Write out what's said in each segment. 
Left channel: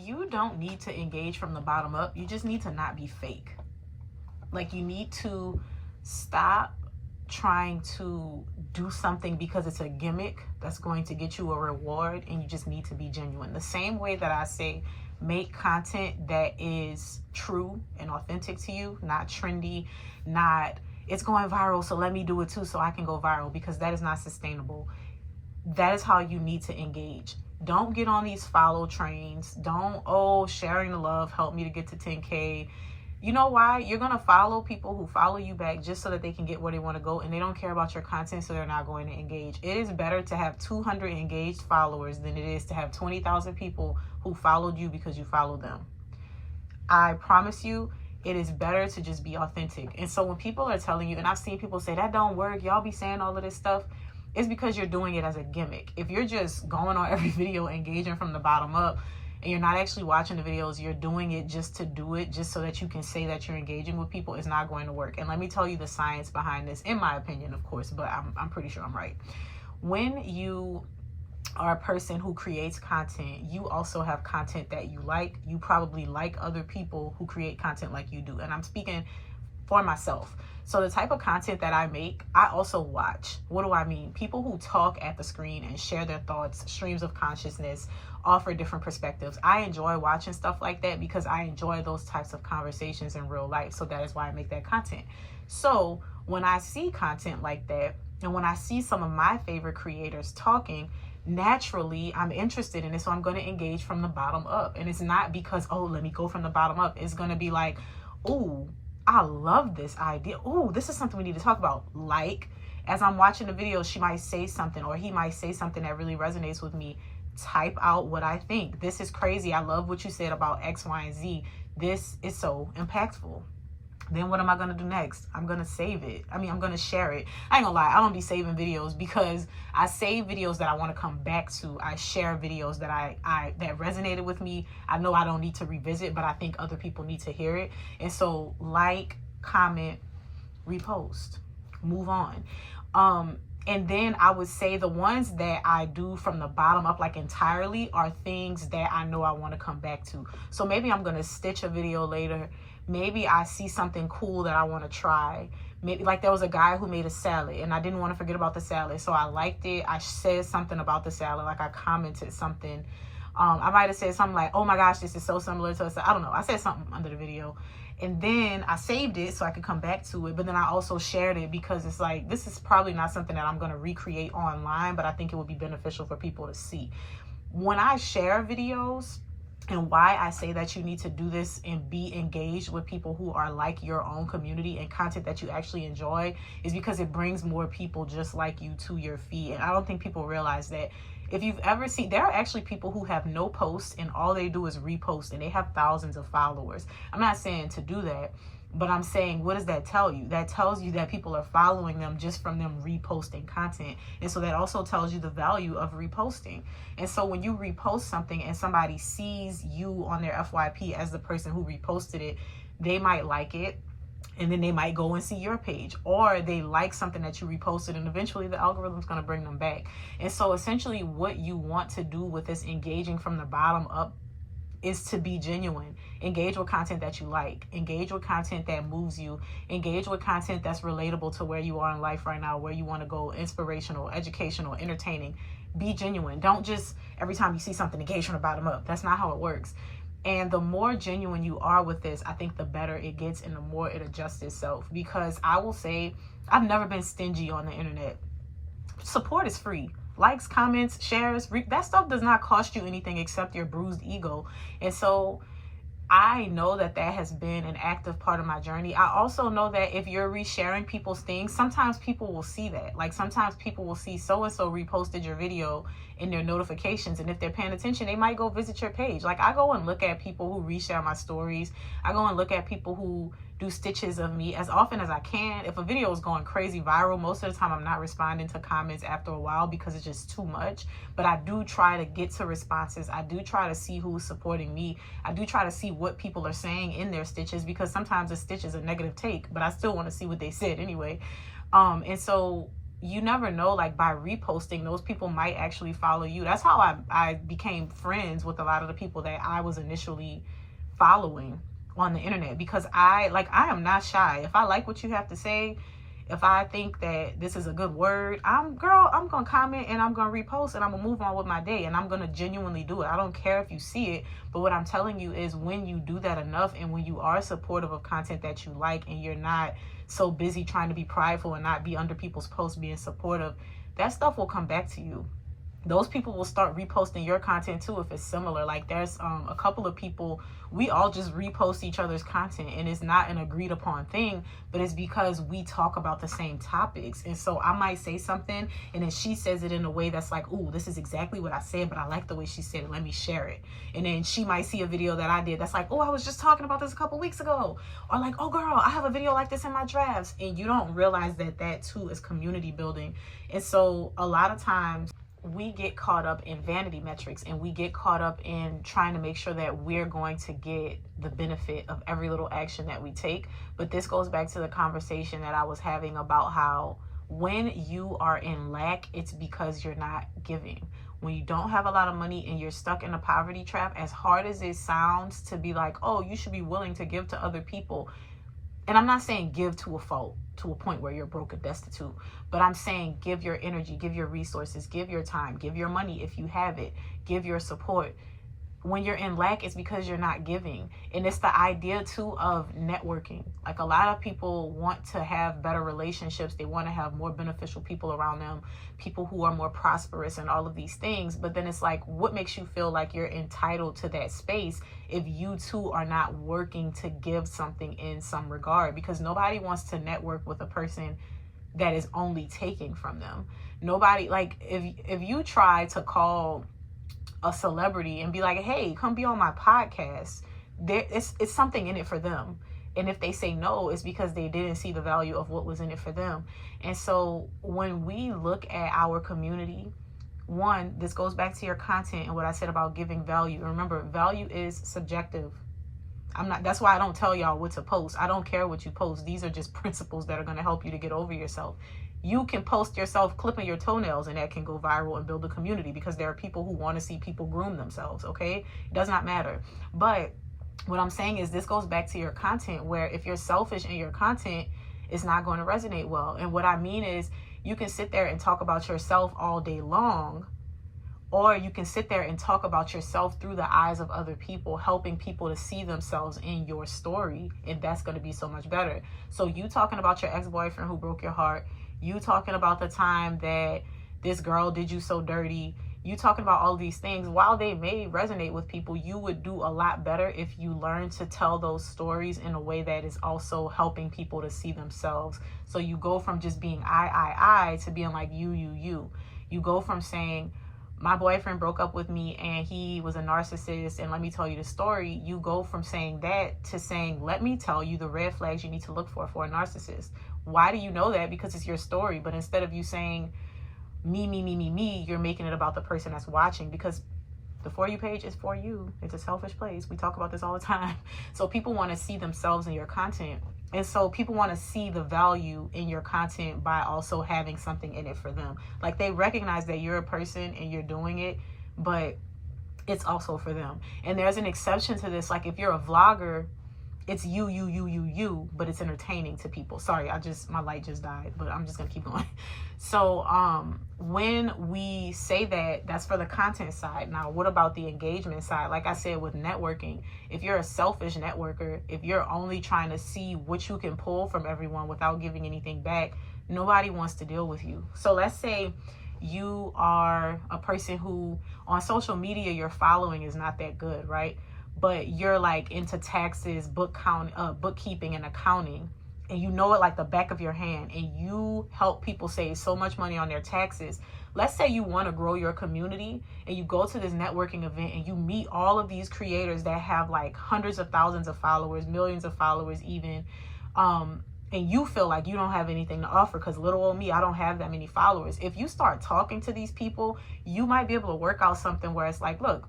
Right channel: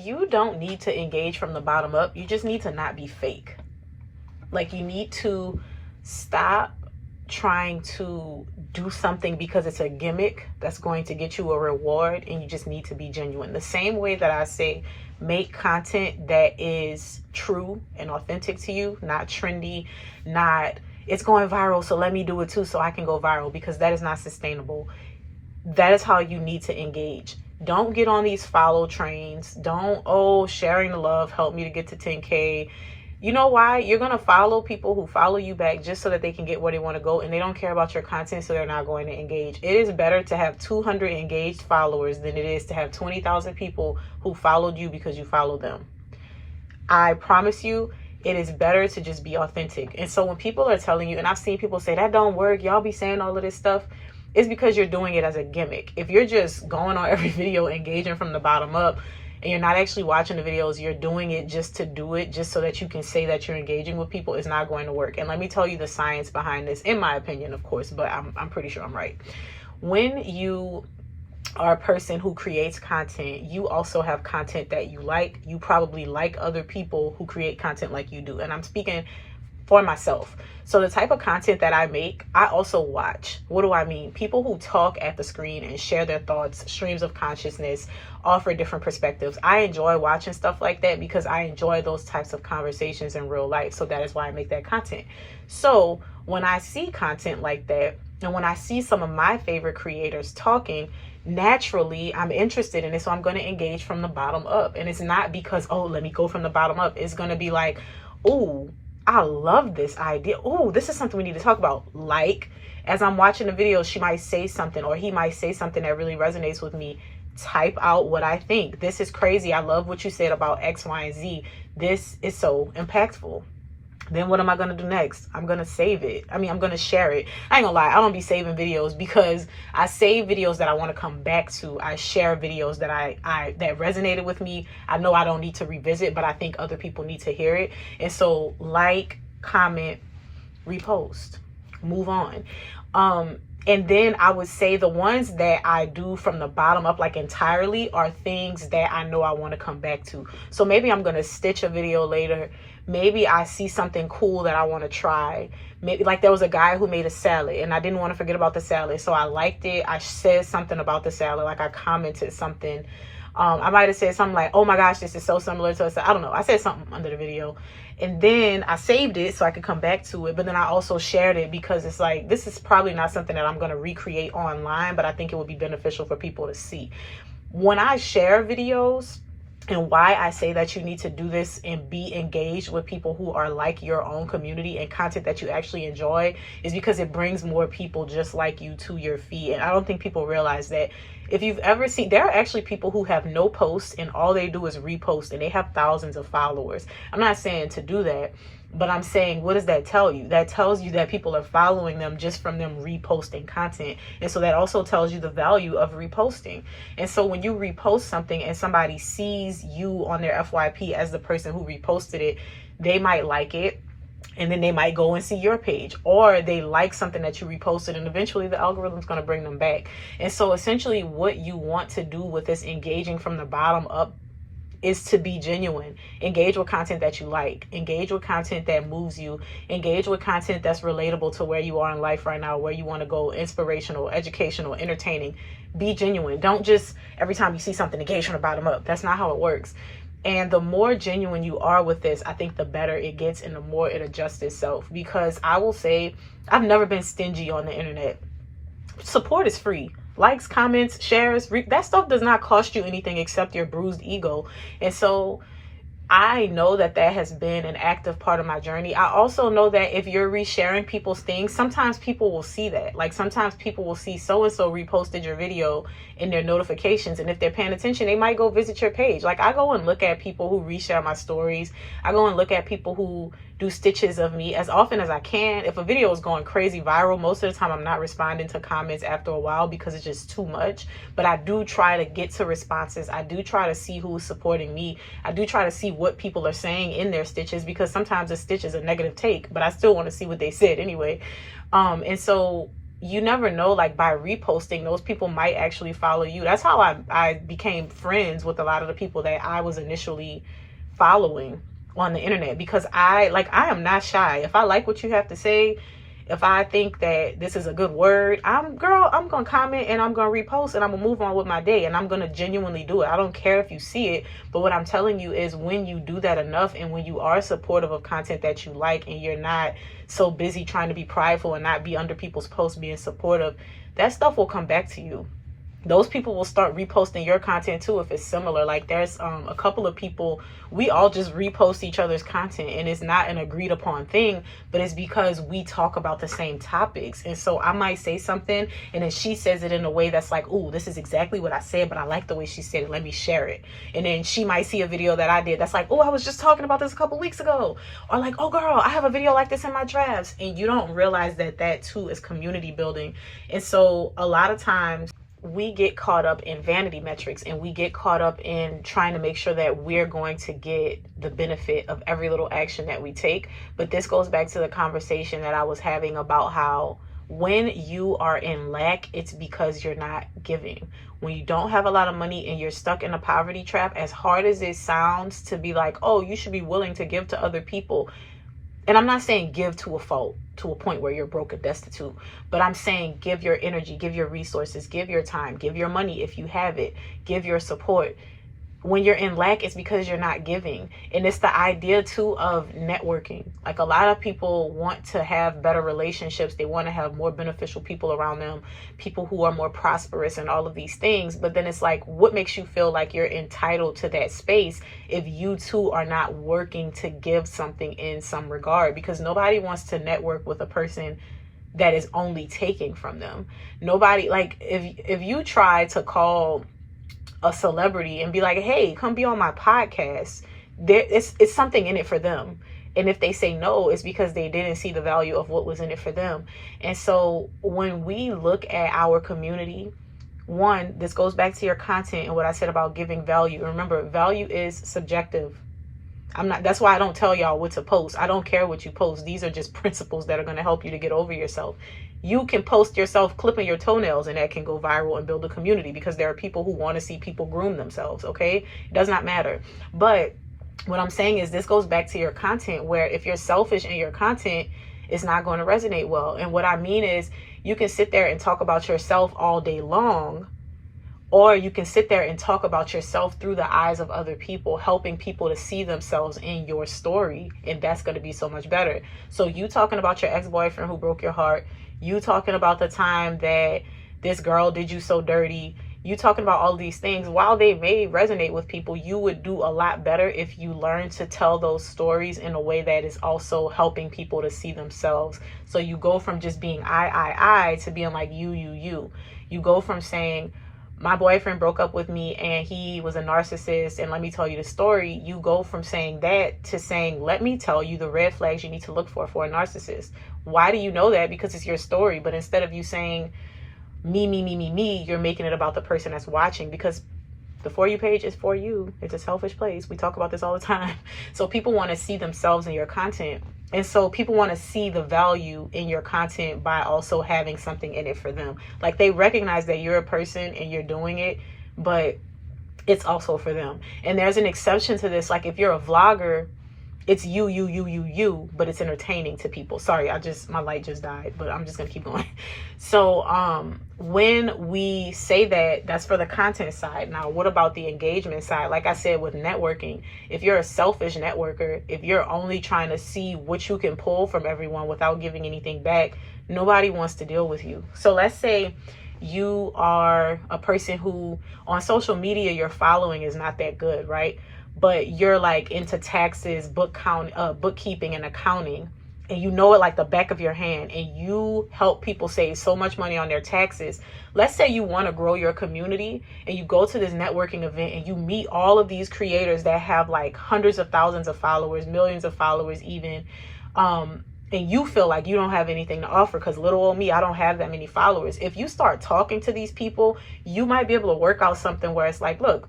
you don't need to engage from the bottom up. You just need to not be fake. Like, you need to stop trying to do something because it's a gimmick that's going to get you a reward, and you just need to be genuine. The same way that I say, make content that is true and authentic to you, not trendy, not it's going viral, so let me do it too so I can go viral, because that is not sustainable. That is how you need to engage. Don't get on these follow trains. Don't, oh, sharing the love helped me to get to 10K. You know why? You're going to follow people who follow you back just so that they can get where they want to go, and they don't care about your content, so they're not going to engage. It is better to have 200 engaged followers than it is to have 20,000 people who followed you because you followed them. I promise you, it is better to just be authentic. And so when people are telling you, and I've seen people say, that don't work, y'all be saying all of this stuff, it's because you're doing it as a gimmick. If you're just going on every video, engaging from the bottom up, and you're not actually watching the videos, you're doing it just to do it, just so that you can say that you're engaging with people, it's not going to work. And let me tell you the science behind this, in my opinion, of course, but I'm pretty sure I'm right. When you are a person who creates content, you also have content that you like. You probably like other people who create content like you do. And I'm speaking for myself. So the type of content that I make, I also watch. What do I mean? People who talk at the screen and share their thoughts, streams of consciousness, offer different perspectives. I enjoy watching stuff like that because I enjoy those types of conversations in real life. So that is why I make that content. So when I see content like that, and when I see some of my favorite creators talking, naturally I'm interested in it. So I'm going to engage from the bottom up. And it's not because, oh, let me go from the bottom up. It's going to be like, oh, I love this idea. Oh, this is something we need to talk about. Like, as I'm watching the video, she might say something, or he might say something that really resonates with me. Type out what I think. This is crazy. I love what you said about X, Y, and Z. This is so impactful. Then what am I going to do next? I'm going to save it. I'm going to share it. I ain't gonna lie. I don't be saving videos because I save videos that I want to come back to. I share videos that that resonated with me. I know I don't need to revisit, but I think other people need to hear it. And so like, comment, repost, move on. And then I would say the ones that I do from the bottom up, like entirely, are things that I know I want to come back to. So maybe I'm going to stitch a video later. Maybe I see something cool that I want to try. Maybe, like, there was a guy who made a salad and I didn't want to forget about the salad. So I liked it. I said something about the salad. Like, I commented something. I might have said something like, oh my gosh, this is so similar to us. I don't know. I said something under the video. And then I saved it so I could come back to it. But then I also shared it because it's like, this is probably not something that I'm going to recreate online, but I think it would be beneficial for people to see. When I share videos, and why I say that you need to do this and be engaged with people who are like your own community and content that you actually enjoy, is because it brings more people just like you to your feed. And I don't think people realize that. If you've ever seen, there are actually people who have no posts and all they do is repost, and they have thousands of followers. I'm not saying to do that, but I'm saying, what does that tell you? That tells you that people are following them just from them reposting content. And so that also tells you the value of reposting. And so when you repost something and somebody sees you on their FYP as the person who reposted it, they might like it. And then they might go and see your page, or they like something that you reposted, and eventually the algorithm's going to bring them back. And so essentially what you want to do with this engaging from the bottom up is to be genuine. Engage with content that you like. Engage with content that moves you. Engage with content that's relatable to where you are in life right now, where you want to go, inspirational, educational, entertaining. Be genuine. Don't just every time you see something engage from the bottom up. That's not how it works. And the more genuine you are with this, I think the better it gets and the more it adjusts itself. Because I will say, I've never been stingy on the internet. Support is free. Likes, comments, shares, that stuff does not cost you anything except your bruised ego. And so I know that that has been an active part of my journey. I also know that if you're resharing people's things, sometimes people will see that. Like, sometimes people will see so-and-so reposted your video in their notifications. And if they're paying attention, they might go visit your page. Like, I go and look at people who reshare my stories. I go and look at people who do stitches of me as often as I can. If a video is going crazy viral, most of the time I'm not responding to comments after a while because it's just too much. But I do try to get to responses. I do try to see who's supporting me. I do try to see what people are saying in their stitches, because sometimes a stitch is a negative take, but I still want to see what they said anyway. And so you never know, like by reposting, those people might actually follow you. That's how I became friends with a lot of the people that I was initially following on the internet, because I am not shy. If I like what you have to say, if I think that this is a good word, I'm gonna comment and I'm gonna repost and I'm gonna move on with my day, and I'm gonna genuinely do it. I don't care if you see it, but what I'm telling you is when you do that enough, and when you are supportive of content that you like, and you're not so busy trying to be prideful and not be under people's posts being supportive, that stuff will come back to you. Those people will start reposting your content too if it's similar. Like there's a couple of people, we all just repost each other's content, and it's not an agreed upon thing, but it's because we talk about the same topics. And so I might say something and then she says it in a way that's like, ooh, this is exactly what I said, but I like the way she said it, let me share it. And then she might see a video that I did that's like, oh, I was just talking about this a couple weeks ago, or like, oh girl, I have a video like this in my drafts. And you don't realize that that too is community building. And so a lot of times we get caught up in vanity metrics, and we get caught up in trying to make sure that we're going to get the benefit of every little action that we take. But this goes back to the conversation that I was having about how when you are in lack, it's because you're not giving. When you don't have a lot of money and you're stuck in a poverty trap, as hard as it sounds to be like, oh, you should be willing to give to other people. And I'm not saying give to a fault, to a point where you're broke and destitute, but I'm saying give your energy, give your resources, give your time, give your money if you have it, give your support. When you're in lack, it's because you're not giving. And it's the idea too of networking. Like a lot of people want to have better relationships. They want to have more beneficial people around them, people who are more prosperous and all of these things. But then it's like, what makes you feel like you're entitled to that space if you too are not working to give something in some regard? Because nobody wants to network with a person that is only taking from them. Nobody, like if you try to call a celebrity and be like, hey, come be on my podcast, it's something in it for them. And if they say no, it's because they didn't see the value of what was in it for them. And so when we look at our community, one, this goes back to your content and what I said about giving value. Remember, value is subjective. That's why I don't tell y'all what to post. I don't care what you post. These are just principles that are going to help you to get over yourself. You can post yourself clipping your toenails and that can go viral and build a community, because there are people who want to see people groom themselves. Okay. It does not matter. But what I'm saying is this goes back to your content, where if you're selfish in your content, it's not going to resonate well. And what I mean is you can sit there and talk about yourself all day long, or you can sit there and talk about yourself through the eyes of other people, helping people to see themselves in your story. And that's going to be so much better. So you talking about your ex-boyfriend who broke your heart, you talking about the time that this girl did you so dirty, you talking about all these things, while they may resonate with people, you would do a lot better if you learn to tell those stories in a way that is also helping people to see themselves. So you go from just being I to being like you. You go from saying, my boyfriend broke up with me and he was a narcissist, and let me tell you the story. You go from saying that to saying, let me tell you the red flags you need to look for a narcissist. Why do you know that? Because it's your story. But instead of you saying me, you're making it about the person that's watching, because the For You page is for you. It's a selfish place. We talk about this all the time. So people want to see themselves in your content. And so people want to see the value in your content by also having something in it for them. Like they recognize that you're a person and you're doing it, but it's also for them. And there's an exception to this. Like if you're a vlogger, it's you, but it's entertaining to people. Sorry, my light just died, but I'm just gonna keep going. So when we say that, that's for the content side. Now, what about the engagement side? Like I said, with networking, if you're a selfish networker, if you're only trying to see what you can pull from everyone without giving anything back, nobody wants to deal with you. So let's say you are a person who on social media, your following is not that good, right? But you're like into taxes, bookkeeping and accounting, and you know it like the back of your hand, and you help people save so much money on their taxes. Let's say you want to grow your community and you go to this networking event and you meet all of these creators that have like hundreds of thousands of followers, millions of followers even, and you feel like you don't have anything to offer because little old me, I don't have that many followers. If you start talking to these people, you might be able to work out something where it's like, look,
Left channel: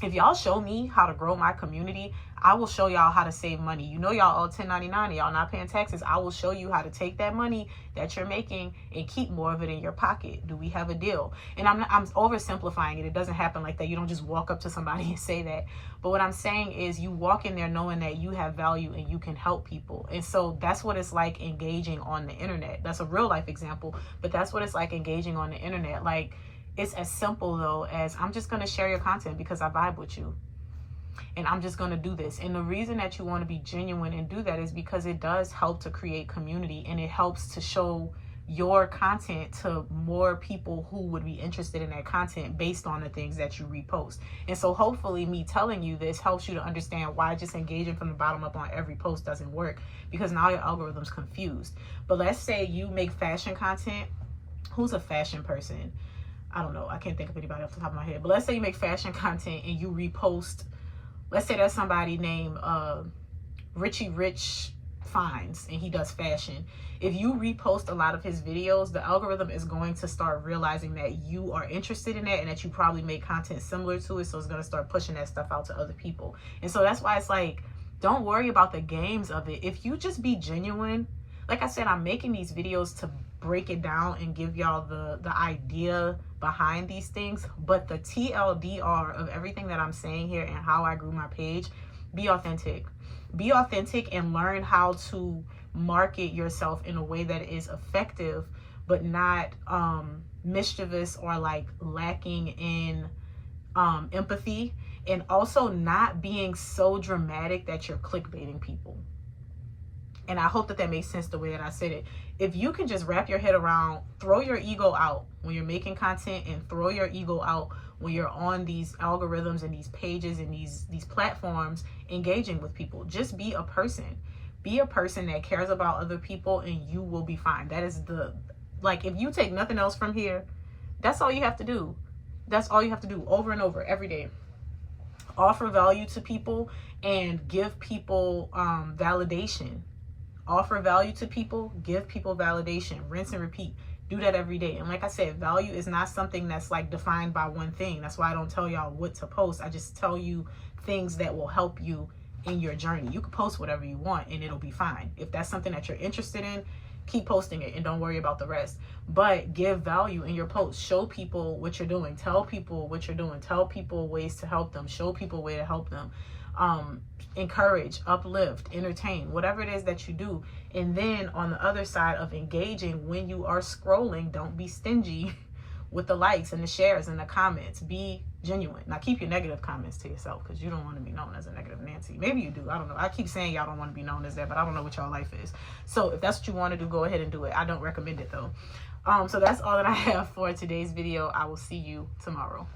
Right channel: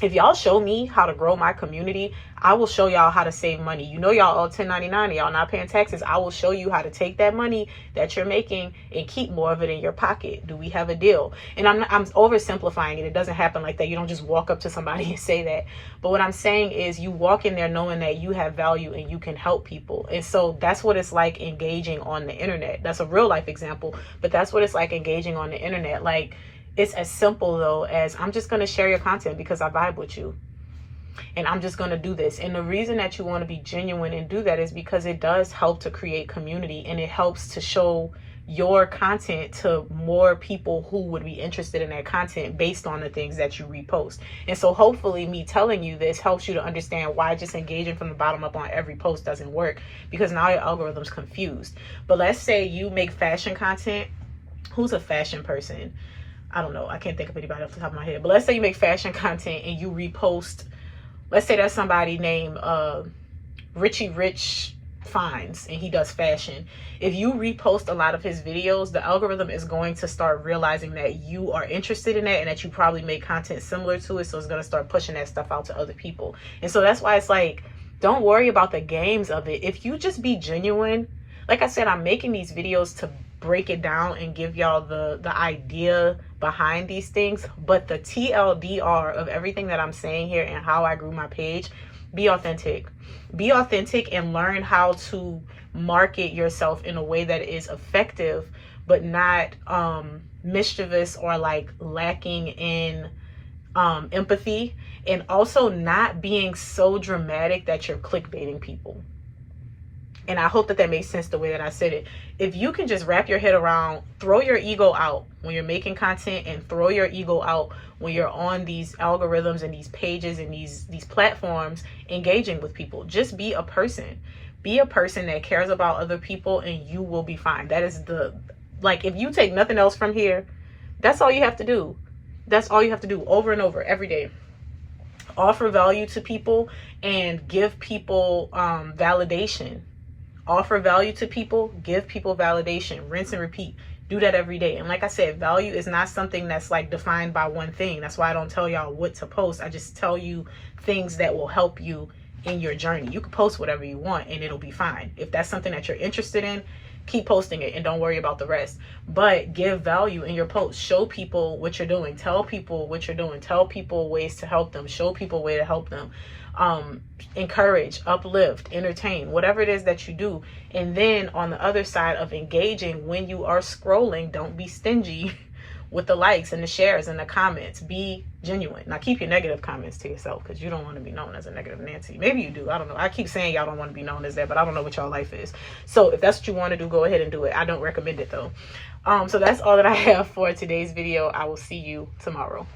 If y'all show me how to grow my community, I will show y'all how to save money. You know, y'all all 1099, y'all not paying taxes. I will show you how to take that money that you're making and keep more of it in your pocket. Do we have a deal? And I'm oversimplifying it. It doesn't happen like that. You don't just walk up to somebody and say that. But what I'm saying is you walk in there knowing that you have value and you can help people. And so that's what it's like engaging on the internet. That's a real life example, but that's what it's like engaging on the internet. Like, it's as simple though as I'm just going to share your content because I vibe with you. And I'm just going to do this. And the reason that you want to be genuine and do that is because it does help to create community, and it helps to show your content to more people who would be interested in that content based on the things that you repost. And so hopefully me telling you this helps you to understand why just engaging from the bottom up on every post doesn't work, because now your algorithm's confused. But let's say you make fashion content. Who's a fashion person? I don't know. I can't think of anybody off the top of my head. But let's say you make fashion content and you repost. Let's say that's somebody named Richie Rich Finds, and he does fashion. If you repost a lot of his videos, the algorithm is going to start realizing that you are interested in that and that you probably make content similar to it. So it's going to start pushing that stuff out to other people. And so that's why it's like, don't worry about the games of it. If you just be genuine, like I said, I'm making these videos to break it down and give y'all the idea behind these things, but the TLDR of everything that I'm saying here and how I grew my page: be authentic. Be authentic and learn how to market yourself in a way that is effective, but not mischievous or like lacking in empathy, and also not being so dramatic that you're clickbaiting people. And I hope that that makes sense the way that I said it. If you can just wrap your head around, throw your ego out when you're making content, and throw your ego out when you're on these algorithms and these pages and these platforms engaging with people. Just be a person. Be a person that cares about other people, and you will be fine. That is like, if you take nothing else from here, that's all you have to do. That's all you have to do over and over every day. Offer value to people and give people validation. Offer value to people, give people validation, rinse and repeat. Do that every day. And like I said, value is not something that's like defined by one thing. That's why I don't tell y'all what to post. I just tell you things that will help you in your journey. You can post whatever you want and it'll be fine. If that's something that you're interested in, keep posting it and don't worry about the rest. But give value in your posts. Show people what you're doing. Tell people what you're doing. Tell people ways to help them. Show people a way to help them. Encourage, uplift, entertain, whatever it is that you do. And then on the other side of engaging, when you are scrolling, don't be stingy with the likes and the shares and the comments. Be genuine. Now keep your negative comments to yourself, because you don't want to be known as a negative Nancy. Maybe you do. I don't know. I keep saying y'all don't want to be known as that, but I don't know what y'all life is. So if that's what you want to do, go ahead and do it. I don't recommend it though. So that's all that I have for today's video. I will see you tomorrow.